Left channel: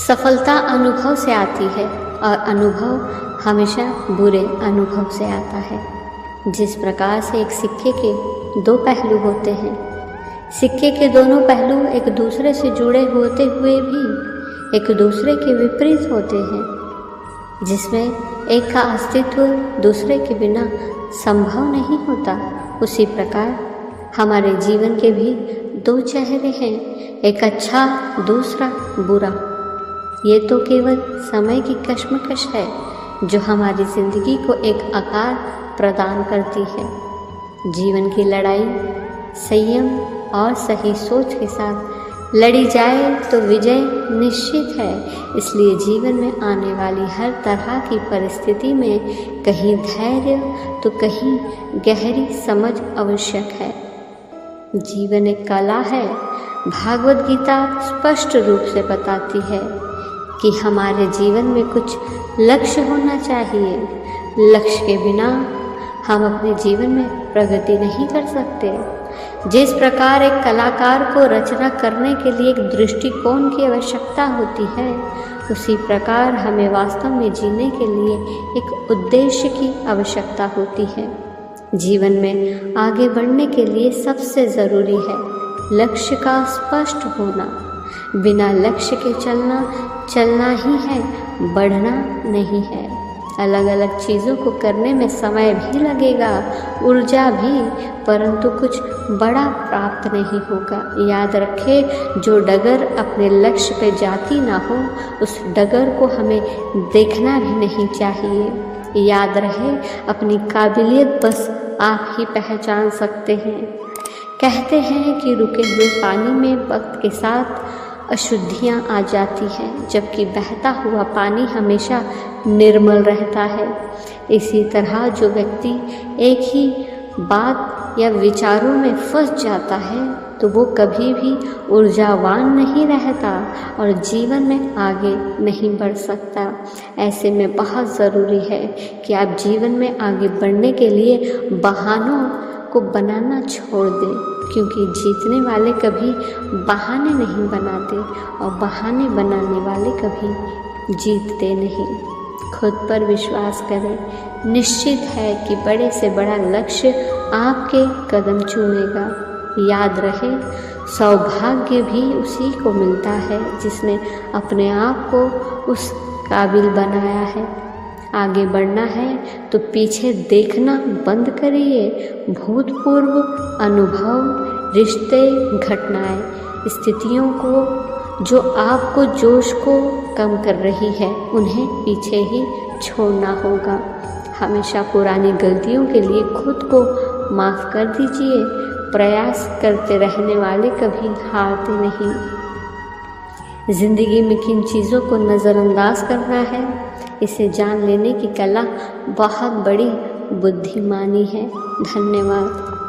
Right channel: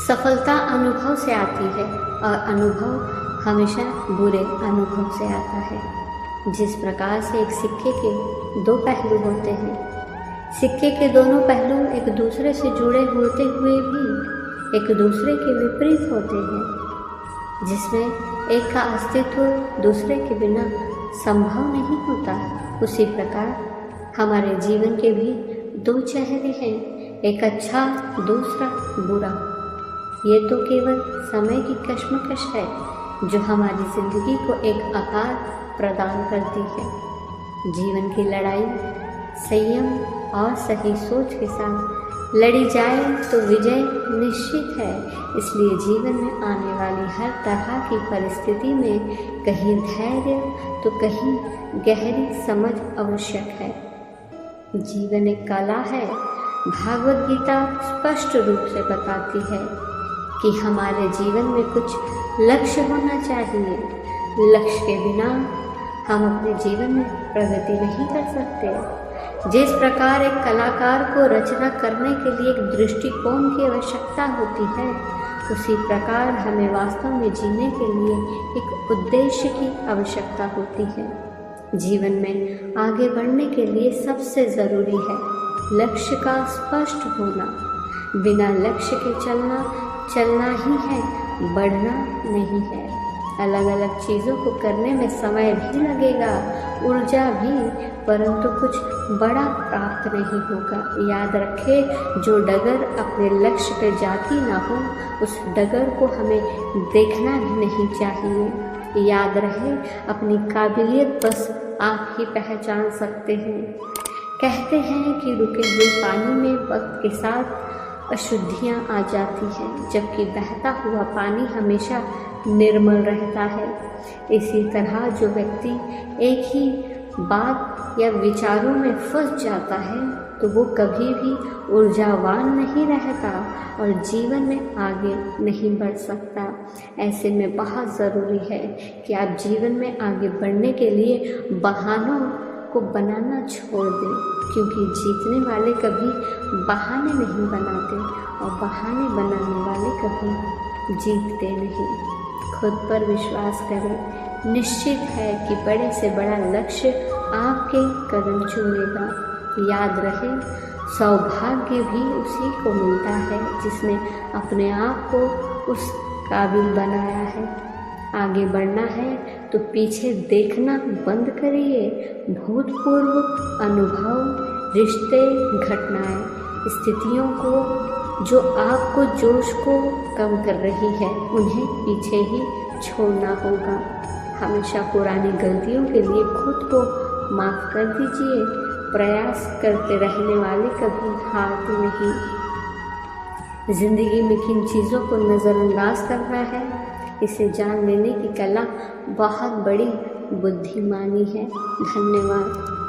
सफलता अनुभव से आती है और अनुभव हमेशा बुरे अनुभव से आता है। जिस प्रकार से एक सिक्के के दो पहलू होते हैं, सिक्के के दोनों पहलू एक दूसरे से जुड़े होते हुए भी एक दूसरे के विपरीत होते हैं, जिसमें एक का अस्तित्व दूसरे के बिना संभव नहीं होता। उसी प्रकार हमारे जीवन के भी दो चेहरे हैं, एक अच्छा दूसरा बुरा। ये तो केवल समय की कश्मकश है जो हमारी ज़िंदगी को एक आकार प्रदान करती है। जीवन की लड़ाई संयम और सही सोच के साथ लड़ी जाए तो विजय निश्चित है। इसलिए जीवन में आने वाली हर तरह की परिस्थिति में कहीं धैर्य तो कहीं गहरी समझ आवश्यक है। जीवन एक कला है। भागवत गीता स्पष्ट रूप से बताती है कि हमारे जीवन में कुछ लक्ष्य होना चाहिए। लक्ष्य के बिना हम अपने जीवन में प्रगति नहीं कर सकते। जिस प्रकार एक कलाकार को रचना करने के लिए एक दृष्टिकोण की आवश्यकता होती है, उसी प्रकार हमें वास्तव में जीने के लिए एक उद्देश्य की आवश्यकता होती है। जीवन में आगे बढ़ने के लिए सबसे ज़रूरी है लक्ष्य का स्पष्ट होना। बिना लक्ष्य के चलना ही है, बढ़ना नहीं है। अलग अलग चीज़ों को करने में समय भी लगेगा, ऊर्जा भी, परंतु कुछ बड़ा प्राप्त नहीं होगा। याद रखें, जो डगर अपने लक्ष्य पे जाती ना हो, उस डगर को हमें देखना भी नहीं चाहिए। याद रहे, अपनी काबिलियत बस आप ही पहचान सकते हैं। कहते हैं कि रुके हुए पानी में वक्त के साथ अशुद्धियाँ आ जाती हैं, जबकि बहता हुआ पानी हमेशा निर्मल रहता है। इसी तरह जो व्यक्ति एक ही बात या विचारों में फंस जाता है तो वो कभी भी ऊर्जावान नहीं रहता और जीवन में आगे नहीं बढ़ सकता। ऐसे में बहुत ज़रूरी है कि आप जीवन में आगे बढ़ने के लिए बहानों को बनाना छोड़ दें, क्योंकि जीतने वाले कभी बहाने नहीं बनाते और बहाने बनाने वाले कभी जीतते नहीं। खुद पर विश्वास करें, निश्चित है कि बड़े से बड़ा लक्ष्य आपके कदम चूमेगा। याद रहे, सौभाग्य भी उसी को मिलता है जिसने अपने आप को उस काबिल बनाया है। आगे बढ़ना है तो पीछे देखना बंद करिए। भूतपूर्व अनुभव, रिश्ते, घटनाएं, स्थितियों को जो आपको जोश को कम कर रही है, उन्हें पीछे ही छोड़ना होगा। हमेशा पुरानी गलतियों के लिए खुद को माफ़ कर दीजिए। प्रयास करते रहने वाले कभी हारते नहीं। ज़िंदगी में किन चीज़ों को नज़रअंदाज करना है, इसे जान लेने की कला बहुत बड़ी बुद्धिमानी है। धन्यवाद।